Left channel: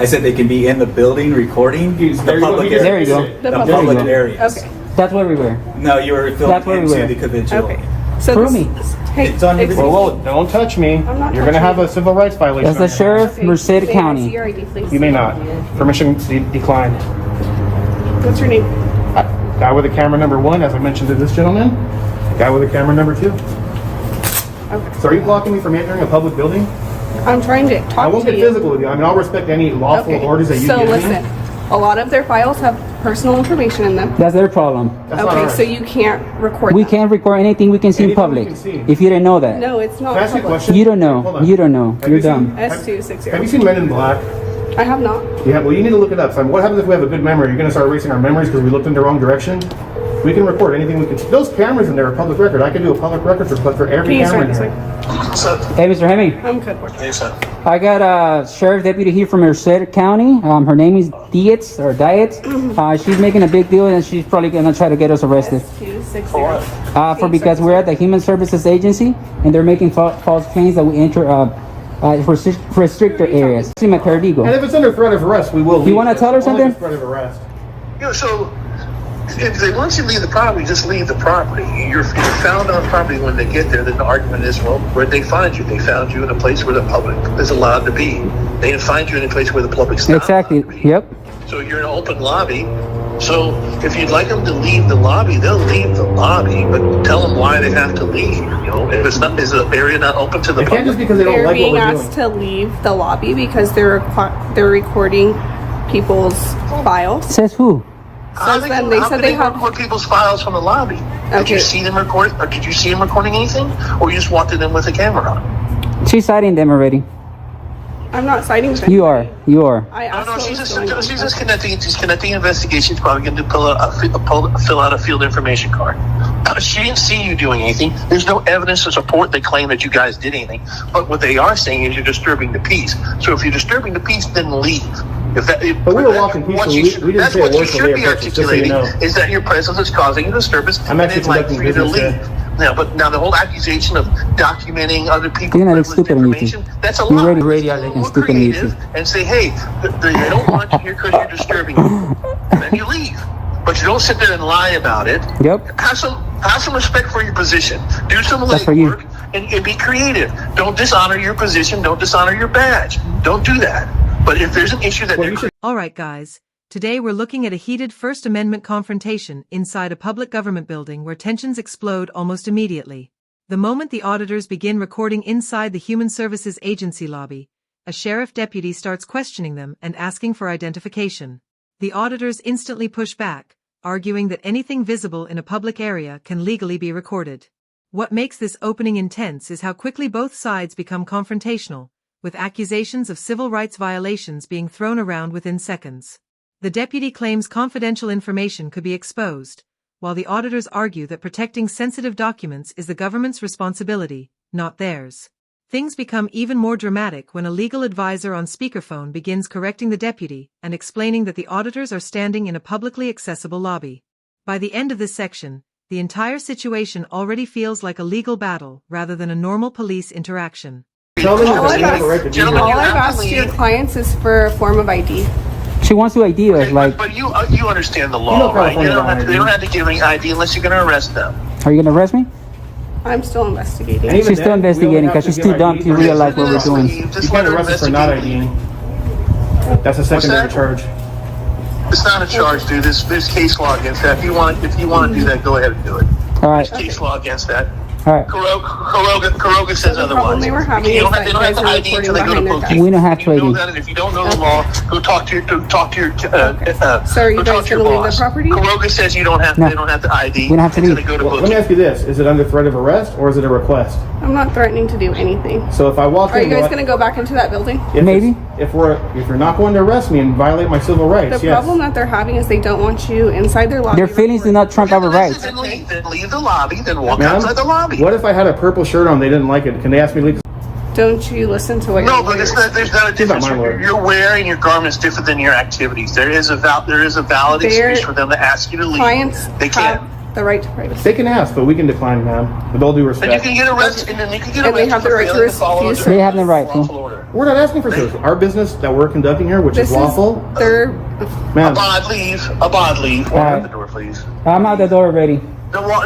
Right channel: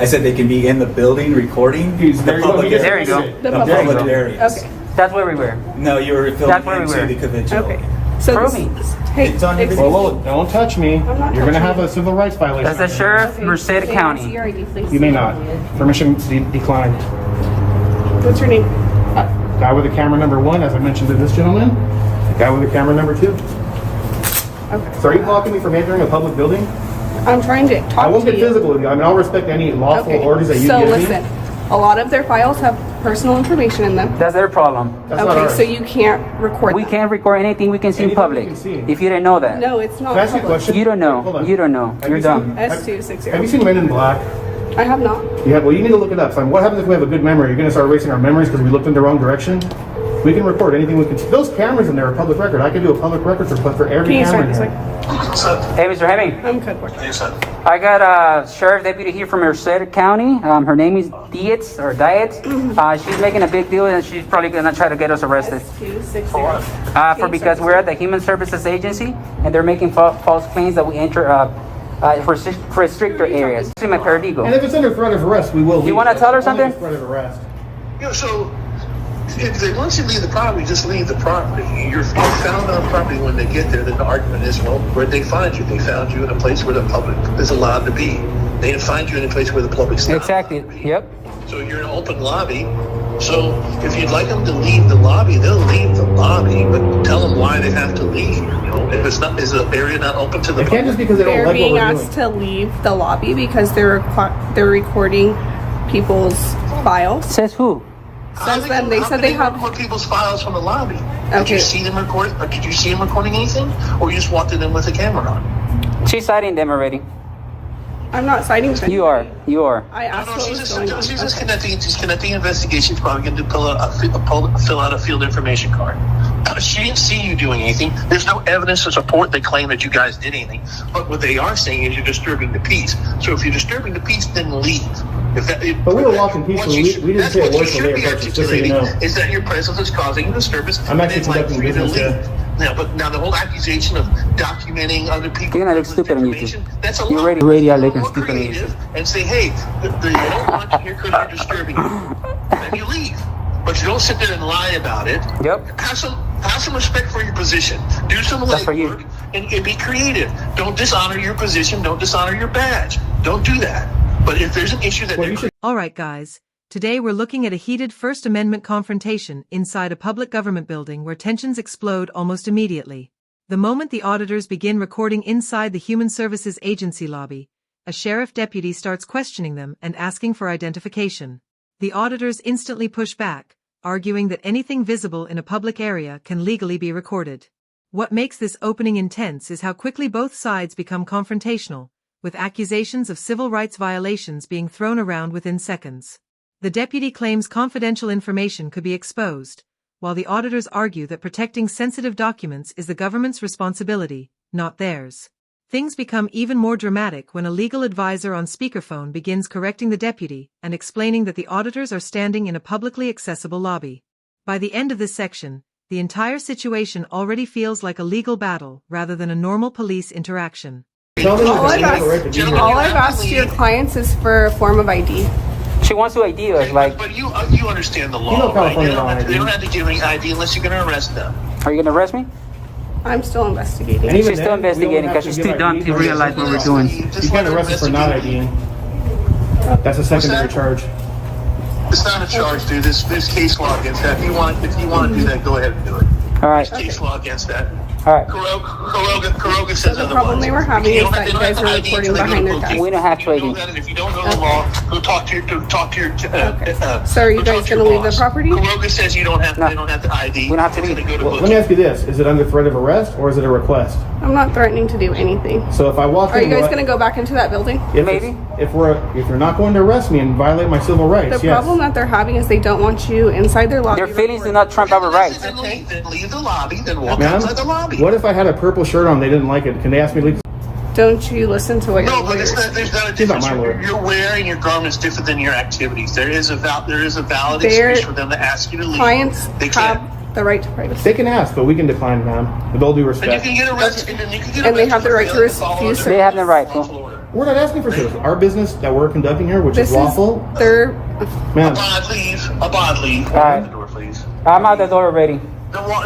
I said they can be in the building recording the public There you go. the public areas. Okay. That's where we were. No, you were That's where filming we into were. the convention. Okay. So Prove this, me. hey, It's on your excuse video. me. Whoa, don't touch me. I'm not You're going to have touching a civil rights violation. That's the sheriff, Okay. Merced May I see County. your ID, please? You may not. Permission declined. What's your name? Guy with the camera number 1, as I mentioned to this gentleman. Guy with the camera number 2. Okay. So are you blocking me from entering a public building? I'm trying to I talk won't to get you. physical with you. I mean, I'll respect any lawful Okay. orders that you So give listen, me. a lot of their files have personal information in them. That's their problem. That's not Okay, ours. so you can't record We them. can't record anything we can see in Anything we public. can see. If you didn't know that. No, it's not Can I ask you a public. question? You don't Hold know. on. You don't know. Have You're you seen- dumb. S260. Have you seen Men in Black? I have not. Yeah, well, you need to look it up. So what happens if we have a good memory? You're going to start erasing our memories because we looked in the wrong direction? We can record anything we can. Those cameras in there are public record. I can do a public records request for every Can you camera start in this there. way? What's up? Hey, Mr. Hemming. I'm good. Board. Yes, sir. I got a sheriff deputy here from Merced County. Her name is Dietz or Dietz. She's making a big deal and she's probably gonna try to get us arrested. S260. Because we're at the Human Services Agency and they're making false claims that we enter for stricter areas. I'm a paralegal. And if it's under threat of arrest, we will leave. You wanna tell her It's only something? for threat of arrest. Yeah, so if they want you to leave the property, just leave the property. You're found on property when they get there. Then the argument is, well, where'd they find you? They found you in a place where the public is allowed to be. They didn't find you in a place where the public's not Exactly. allowed to be. Yep. So you're in an open lobby. So if you'd like them to leave the lobby, they'll leave the lobby, but tell them why they have to leave. You know, if it's not, is the area not open to the It can't just public? because they don't They're like being what we're asked doing. to leave the lobby because they're recording people's files. Says who? Says them. They said they have. record people's files from the lobby. Did Okay. you see them record, or did you see them recording anything, or you just walked in with a camera on? She's citing them already. I'm not citing them. You are. You are. I asked No, what she's was just, going on. she's just Okay. connecting. She's connecting investigations. Probably going to fill out a field information card. She didn't see you doing anything. There's no evidence to support the claim that you guys did anything. But what they are saying is you're disturbing the peace. So if you're disturbing the peace, then leave. But we were walking peacefully. We didn't that's say a what you word till should they be approached us, just so you articulating know. is that your presence is causing a disturbance. I'm actually and they'd like conducting for you to business leave. Now the whole accusation of documenting other people's You're not privileged stupid, information, Nathan. that's a You're lie. already radio like a Be stupid, creative Nathan. and say, hey, they don't want you here because you're disturbing them. Then you leave. But you don't sit there and lie about it. Yep. Have some respect for your position. Do some That's for you. legwork and be creative. Don't dishonor your position. Don't dishonor your badge. Don't do that. But if there's an issue that Well, they're you should All right, guys. Today we're looking at a heated First Amendment confrontation inside a public government building where tensions explode almost immediately. The moment the auditors begin recording inside the Human Services Agency lobby, a sheriff deputy starts questioning them and asking for identification. The auditors instantly push back, arguing that anything visible in a public area can legally be recorded. What makes this opening intense is how quickly both sides become confrontational, with accusations of civil rights violations being thrown around within seconds. The deputy claims confidential information could be exposed, while the auditors argue that protecting sensitive documents is the government's responsibility, not theirs. Things become even more dramatic when a legal advisor on speakerphone begins correcting the deputy and explaining that the auditors are standing in a publicly accessible lobby. By the end of this section, the entire situation already feels like a legal battle rather than a normal police interaction. tell them All that I've they have a right to be asked, here. Gentlemen, all you I've have to asked your leave. clients is for a form of ID. She wants to ID us. Okay, Like, but you understand the law, right? They don't have to give any ID unless you're going to arrest them. are you gonna arrest me? I'm still investigating. And even She's then, still we don't investigating have because to she's give too dumb ID. to realize what we're doing. You Just can't let her arrest us for not investigate. IDing. That's a secondary that? charge. It's not a charge, dude. There's case law against that. If you want to do that, go ahead and do it. All right. There's case law against that. All right. Kuroga says the otherwise. problem they were having You don't is have- that they you don't have guys to are ID until they recording go to behind their police. We don't have You to know ID. that, and if you don't know the Okay. law, go talk to your. Okay. So are you go guys talk to your gonna leave the boss. property? Kuroga says you don't have. They don't have to ID We don't have to until they leave. go to Well, let me booking. ask you this. Is it under threat of arrest or is it a request? I'm not threatening to do anything. So if I walk Are in... you guys going to go back into that building? Maybe. If you're not going to arrest me and violate my civil rights, The yes. problem that they're having is they don't want you inside their lobby. Their feelings do recording. not trump our rights. Then leave the lobby. Then walk Ma'am, outside the lobby. what if I had a purple shirt on, they didn't like it? Can they ask me to leave? Don't you listen to what No, your but lawyers there's not a difference. my lawyer. You're wearing your garments different than your activities. There is a valid Their excuse for them to ask you to leave. clients They can't. have the right to privacy. They can ask, but we can decline, ma'am. With all due And you respect. can get arrested. And then you can get And they arrested have the for right to failing follow refuse the to- They have the right to. lawful order. We're not asking for service. Our business that we're conducting here, which is lawful. Their Ma'am, A bond leave. Walk out the door, please. I'm out the door already.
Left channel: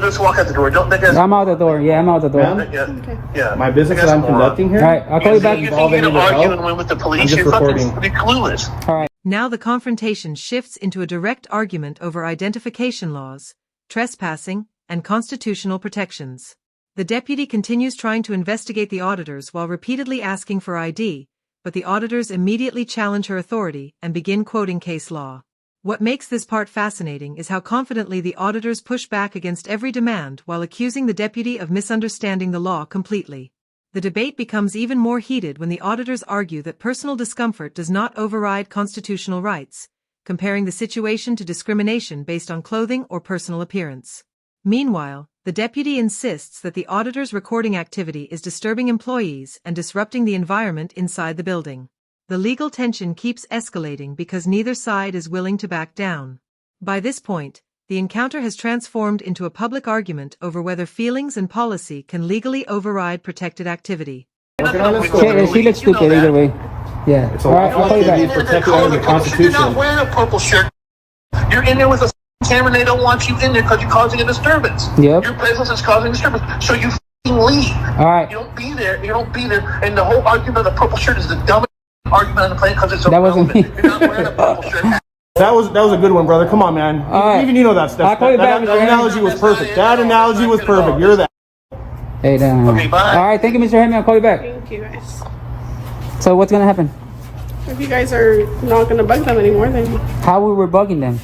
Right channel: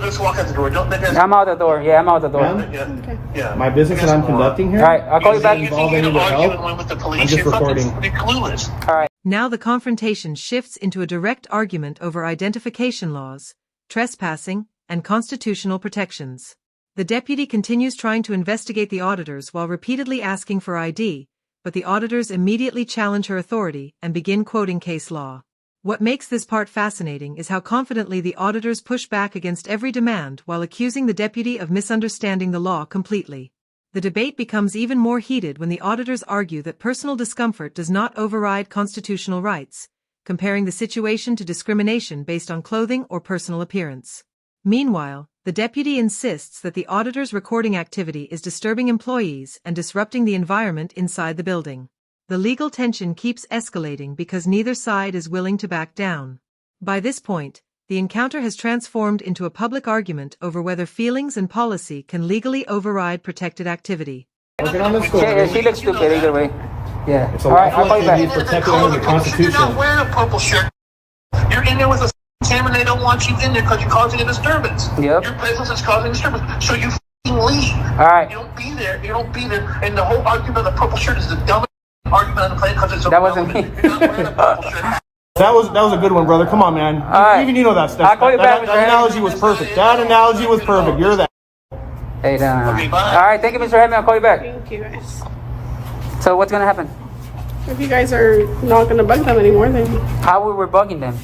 Just walk out the door. Don't make us. I'm out the door. Yeah, I'm out the door. Ma'am? Yeah. Yeah. my business that I'm conducting here. All right, I'll call you back. You Involve think any you're with arguing help? with the I'm police? just You're fucking recording. clueless. All right. Now the confrontation shifts into a direct argument over identification laws, trespassing, and constitutional protections. The deputy continues trying to investigate the auditors while repeatedly asking for ID, but the auditors immediately challenge her authority and begin quoting case law. What makes this part fascinating is how confidently the auditors push back against every demand while accusing the deputy of misunderstanding the law completely. The debate becomes even more heated when the auditors argue that personal discomfort does not override constitutional rights, comparing the situation to discrimination based on clothing or personal appearance. Meanwhile, the deputy insists that the auditor's recording activity is disturbing employees and disrupting the environment inside the building. The legal tension keeps escalating because neither side is willing to back down. By this point, the encounter has transformed into a public argument over whether feelings and policy can legally override protected activity. Working on this store. Yeah, she looks stupid either way. Yeah. It's a All right, lawful I'll call you activity back. protected under the You're Constitution. not wearing a purple shirt. You're in there with a camera and they don't want you in there because you're causing a disturbance. Yep. Your presence is causing a disturbance. So you f***ing leave. All right. You don't be there. You don't be there. And the whole argument of the purple shirt is the dumbest argument on the planet because it's That wasn't me. irrelevant. You're not wearing a purple shirt. That was a good one, brother. Come on, man. right. Even you know that stuff. I'll call you back, That Mr. analogy was perfect. That analogy was perfect. You're that. Hey, no. Okay, bye. All right, thank you, Mr. Hammond. I'll call you back. thank you guys. So what's gonna happen? If you guys are not gonna bug them anymore, then How were we bugging them?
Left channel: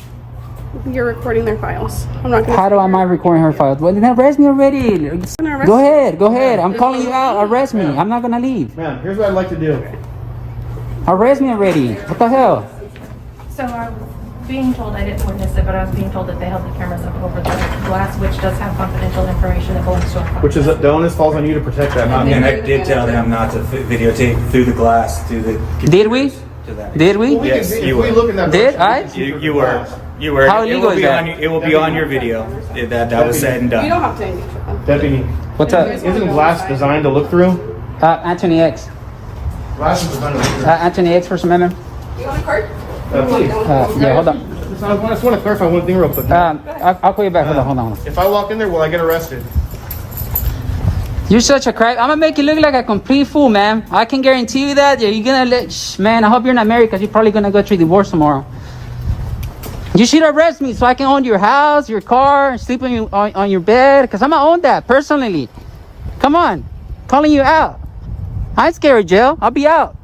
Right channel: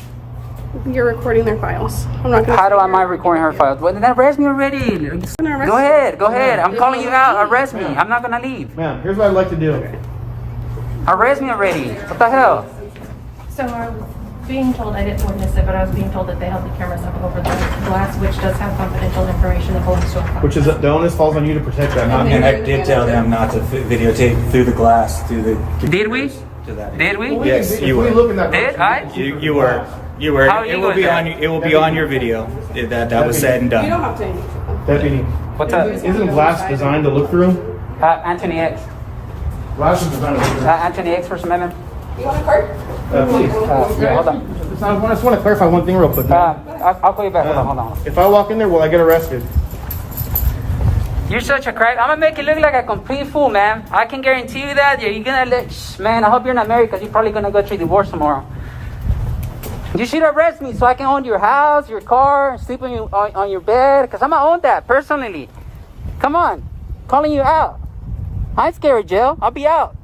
you're recording their files. I'm not gonna. How do am I recording her files? Well, then arrest me already. gonna arrest Go you. ahead, go ahead. I'm calling you out. Arrest me. I'm not gonna leave. Man, here's what I'd like to do. Arrest me already. What the hell? So I was being told, I didn't witness it, but I was being told that they held the cameras up over the glass, which does have confidential information that belongs to our client. Which is the onus falls on you to protect that, not me. And I did tell them not to videotape through the glass, through the. Did we? To that. Did we? Yes, If you we were. look in that Did direction, I? You were. You were. How It illegal will is be that? on. It will be on your video. That was said and You don't done. have to engage with them. Deputy, What's up? isn't glass designed to look through? Anthony X. Glass is designed to look through. Anthony X, First Amendment. You want a card? Please. Yeah, hold on. I just want to clarify one thing real quick. I'll call you back. Hold on. If I walk in there, will I get arrested? You're such a crack. I'm gonna make you look like a complete fool, man. I can guarantee you that. You're gonna look, man. I hope you're not married because you're probably gonna go through divorce tomorrow. You should arrest me so I can own your house, your car, sleep on your bed, because I'm gonna own that personally. Come on, calling you out. I ain't scared of jail. I'll be out,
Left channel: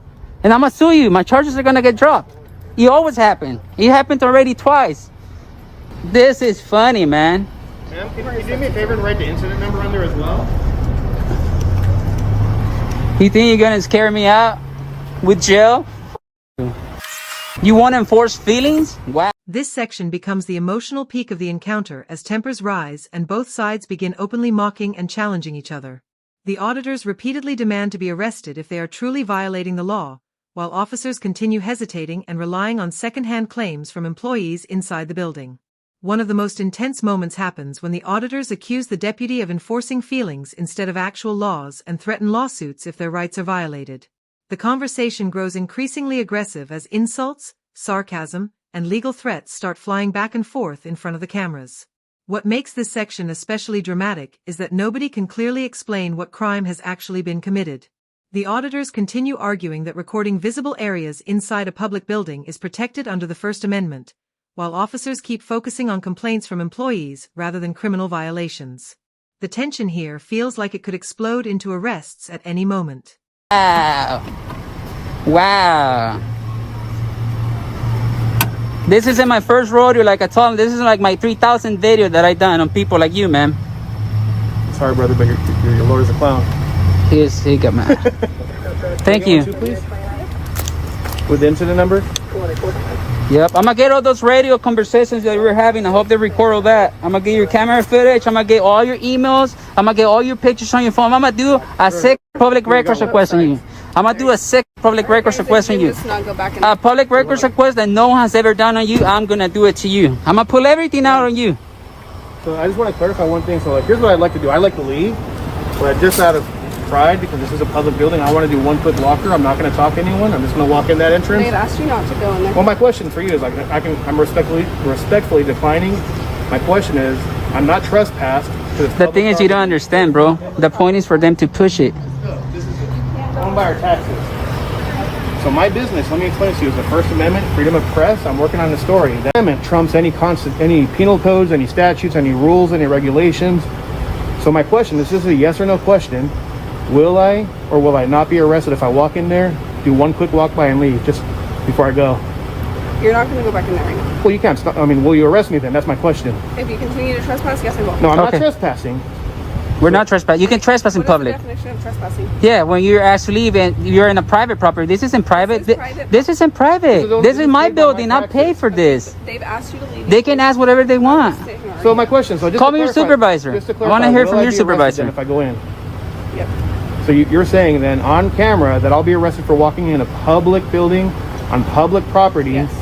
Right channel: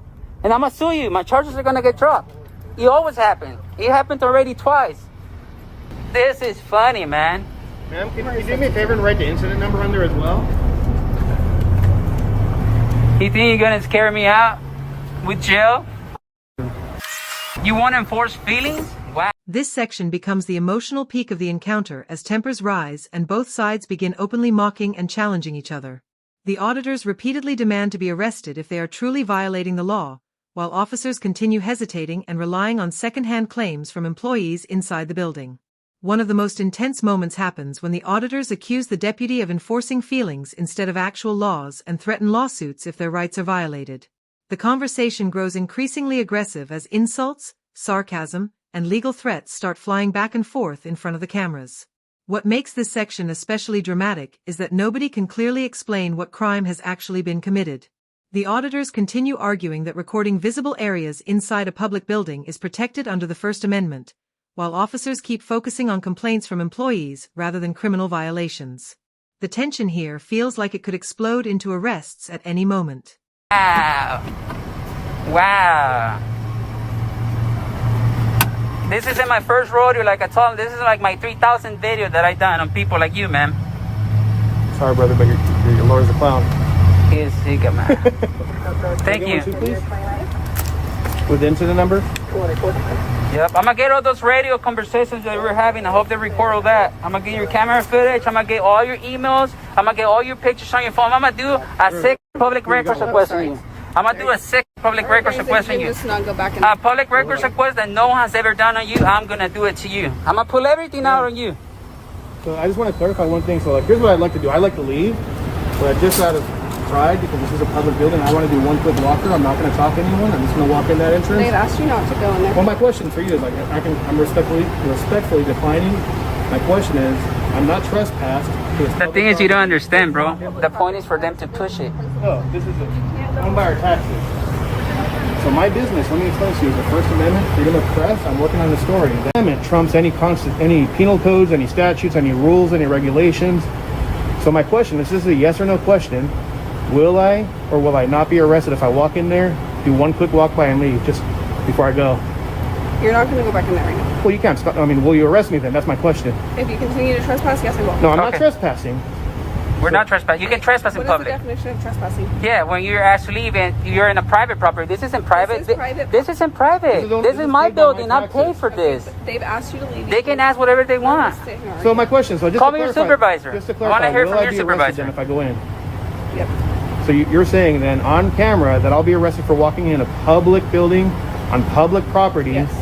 and I'm gonna sue you. My charges are gonna get dropped. It always happen. It happened already twice. This is funny, man. Ma'am, can you do me a favor and write the incident number on there as well? You think you're gonna scare me out with jail? You want to enforce feelings? Wow. This section becomes the emotional peak of the encounter as tempers rise and both sides begin openly mocking and challenging each other. The auditors repeatedly demand to be arrested if they are truly violating the law, while officers continue hesitating and relying on second-hand claims from employees inside the building. One of the most intense moments happens when the auditors accuse the deputy of enforcing feelings instead of actual laws and threaten lawsuits if their rights are violated. The conversation grows increasingly aggressive as insults, sarcasm, and legal threats start flying back and forth in front of the cameras. What makes this section especially dramatic is that nobody can clearly explain what crime has actually been committed. The auditors continue arguing that recording visible areas inside a public building is protected under the First Amendment, while officers keep focusing on complaints from employees rather than criminal violations. The tension here feels like it could explode into arrests at any moment. Wow. Wow. This isn't my first rodeo, like I told him. This is like my 3,000 video that I done on people like you, man. Sorry, brother, but your lawyer's a clown. He got me. Thank you. With the incident number? Yep. I'm gonna get all those radio conversations that we're having. I hope they record all that. I'm gonna get your camera footage. I'm gonna get all your emails. I'm gonna get all your pictures on your phone. I'm gonna do a sick public records request on you. I'm gonna do a sick public records request on you. Just not go back and A public records request that no one has ever done on you. I'm gonna do it to you. I'm gonna pull everything out on you. So I just want to clarify one thing. So like, here's what I'd like to do. I'd like to leave, but just out of pride because this is a public building. I want to do 1 foot blocker. I'm not going to talk to anyone. I'm just going to walk in that entrance. They've asked you not to go in there. Well, my question for you is like, I'm respectfully declining. My question is, I'm not trespassed. The thing is, you don't understand, bro. The point is for them to push it. No, this is owned by our taxes. So my business, let me explain to you, is the First Amendment, freedom of press. I'm working on the story. The amendment trumps any penal codes, any statutes, any rules, any regulations. So my question, this is a yes or no question. Will I or will I not be arrested if I walk in there, do 1 quick walk by and leave just before I go? You're not going to go back in there right now. Well, you can't stop. I mean, will you arrest me then? That's my question. If you continue to trespass, yes, I will. No, I'm not Okay. trespassing. We're not trespassing. You can trespass in What is the public. definition of trespassing? Yeah, when you're asked to leave and you're in a private property. This isn't private. This is private This isn't private. This is my paid by my building. I taxes. paid for this. They've asked you to leave. They can ask whatever they I'm not want. gonna sit here and So argue. my question, so just Call to me your clarify, supervisor. just to I clarify, wanna hear will from I your be arrested supervisor. then if I go in? Yep. So you're saying then on camera that I'll be arrested for walking in a public building on public property Yes.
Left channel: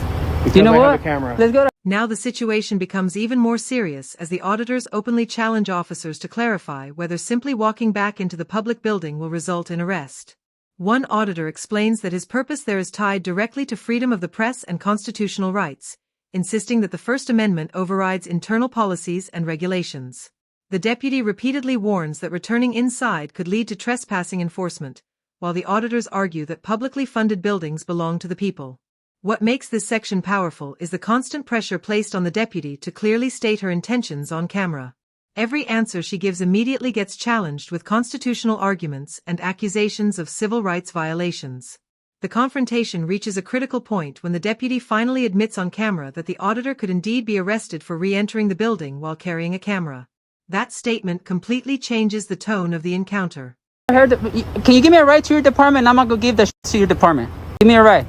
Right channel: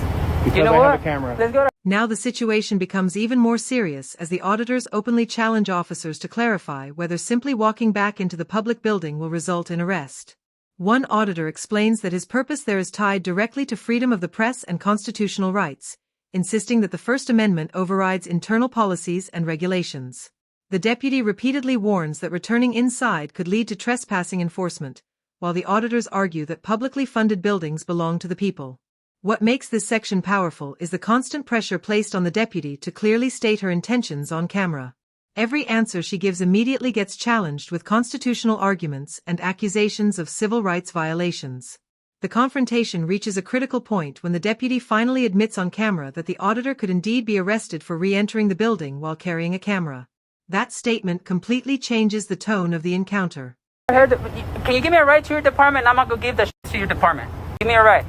because You know I what? have a camera. Let's go. Now the situation becomes even more serious as the auditors openly challenge officers to clarify whether simply walking back into the public building will result in arrest. One auditor explains that his purpose there is tied directly to freedom of the press and constitutional rights, insisting that the First Amendment overrides internal policies and regulations. The deputy repeatedly warns that returning inside could lead to trespassing enforcement, while the auditors argue that publicly funded buildings belong to the people. What makes this section powerful is the constant pressure placed on the deputy to clearly state her intentions on camera. Every answer she gives immediately gets challenged with constitutional arguments and accusations of civil rights violations. The confrontation reaches a critical point when the deputy finally admits on camera that the auditor could indeed be arrested for re-entering the building while carrying a camera. That statement completely changes the tone of the encounter. Can you give me a ride to your department? I'm not gonna give the to your department. Give me a ride.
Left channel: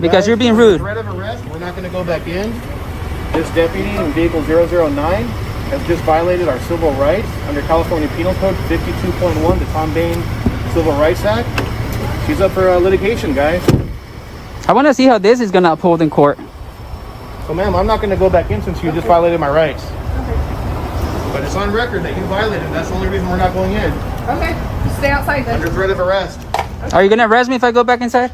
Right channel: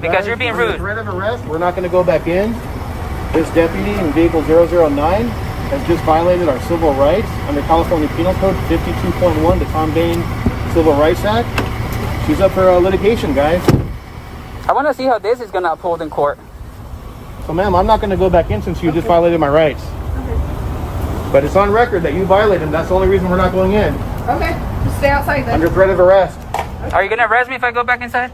Because you're being rude. Threat of arrest, we're not going to go back in. This deputy in vehicle 009 has just violated our civil rights under California Penal Code 52.1, the Tom Bain Civil Rights Act. She's up for litigation, guys. I want to see how this is gonna uphold in court. So, ma'am, I'm not going to go back in since you just violated my rights. Okay. But it's on record that you violated them. That's the only reason we're not going in. Okay. Stay outside Under then. threat of arrest. Are you gonna arrest me if I go back inside?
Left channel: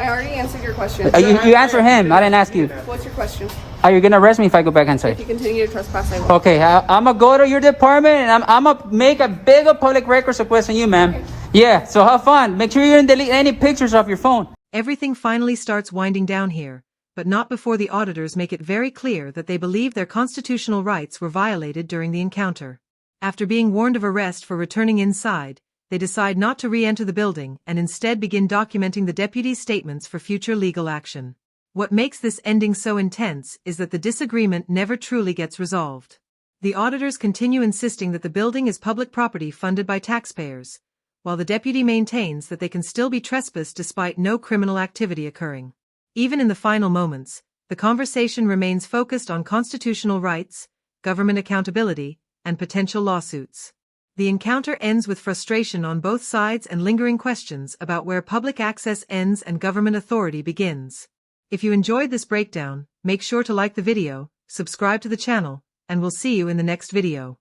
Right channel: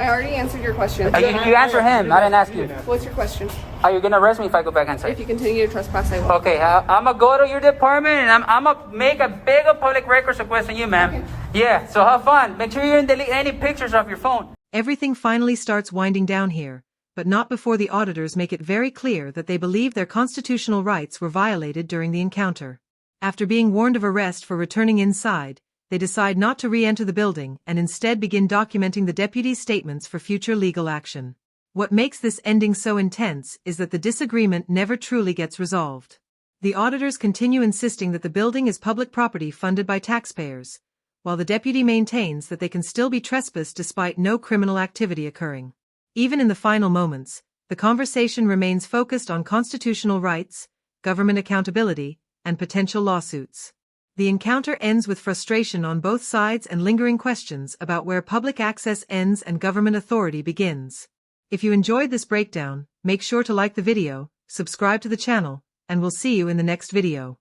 I already answered your question. You answer him. I didn't ask you. What's your question? Are you gonna arrest me if I go back If inside? you continue to trespass, I will. Okay, I'm gonna go to your department and I'm gonna make a bigger public records request on you, ma'am. Okay. Yeah, so have fun. Make sure you didn't delete any pictures off your phone. Everything finally starts winding down here, but not before the auditors make it very clear that they believe their constitutional rights were violated during the encounter. After being warned of arrest for returning inside, they decide not to re-enter the building and instead begin documenting the deputy's statements for future legal action. What makes this ending so intense is that the disagreement never truly gets resolved. The auditors continue insisting that the building is public property funded by taxpayers, while the deputy maintains that they can still be trespassed despite no criminal activity occurring. Even in the final moments, the conversation remains focused on constitutional rights, government accountability, and potential lawsuits. The encounter ends with frustration on both sides and lingering questions about where public access ends and government authority begins. If you enjoyed this breakdown, make sure to like the video, subscribe to the channel, and we'll see you in the next video.